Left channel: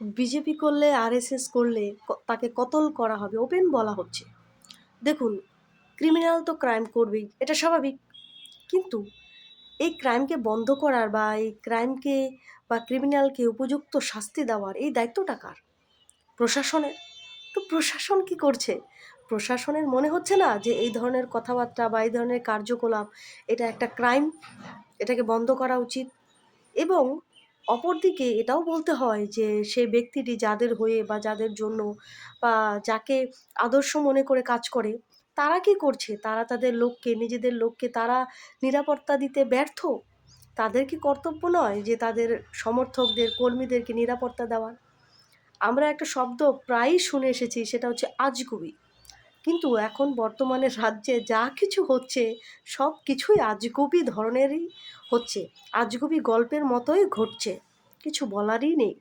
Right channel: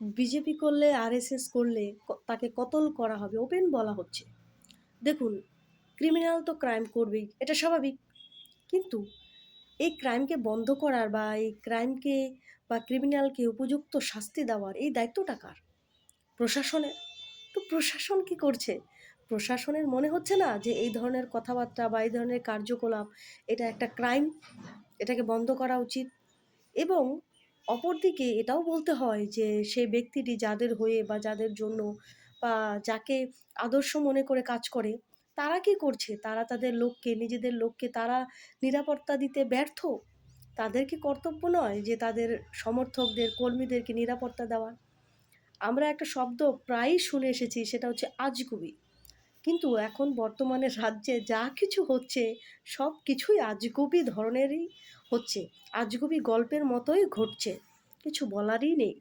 BJP করলে, RSS করলে তাকে কতল করা হবে, ওপেন বলা হচ্ছে। দেখুন, ক্রিমিনাল তো ক্রাইম করবেই, এটা স্বাভাবিক। কিন্তু এই ক্রাইমকে বন্ধ করার বা এই ক্রাইমকে বা ক্রিমিনালকে উপযুক্ত শাস্তি দেওয়ার এই দায়িত্বটা কার? প্রশাসনের। তো প্রশাসন কি করছে? প্রশাসনের মনে হচ্ছে না যে এই ধরনের কথাবার্তা বা এই ধরনের কার্যকলাপ এটা একটা ক্রাইম, এটাকে বন্ধ করা উচিত। এবং অপরদিকে এটাও বলতে হয় যে সেই ব্যক্তিটি যাদের হয়ে বা যাদের জন্য বা যাকে আদর্শ মনে করে কাজ করে, তারা কি করছে? তারা তাদের লোককে, নিজেদের লোককে তারা নিরাপত্তা দিতে ব্যর্থ। তাদের কি কর্তব্য নয় যে তাদের সমর্থকদের, কর্মীদেরকে নিরাপত্তা দেওয়া? আমরা একটা শব্দ প্রায়ই শুনে এসেছি, সেটা হচ্ছে আজগুবি। কিন্তু এখন বর্তমানে রাজ্যে যা কিছু হচ্ছে সব কিছুই আজগুবি ধরনেরই হচ্ছে। আজগুবি গল্পের মতোই ঘটছে। কিছু বলারই নেই।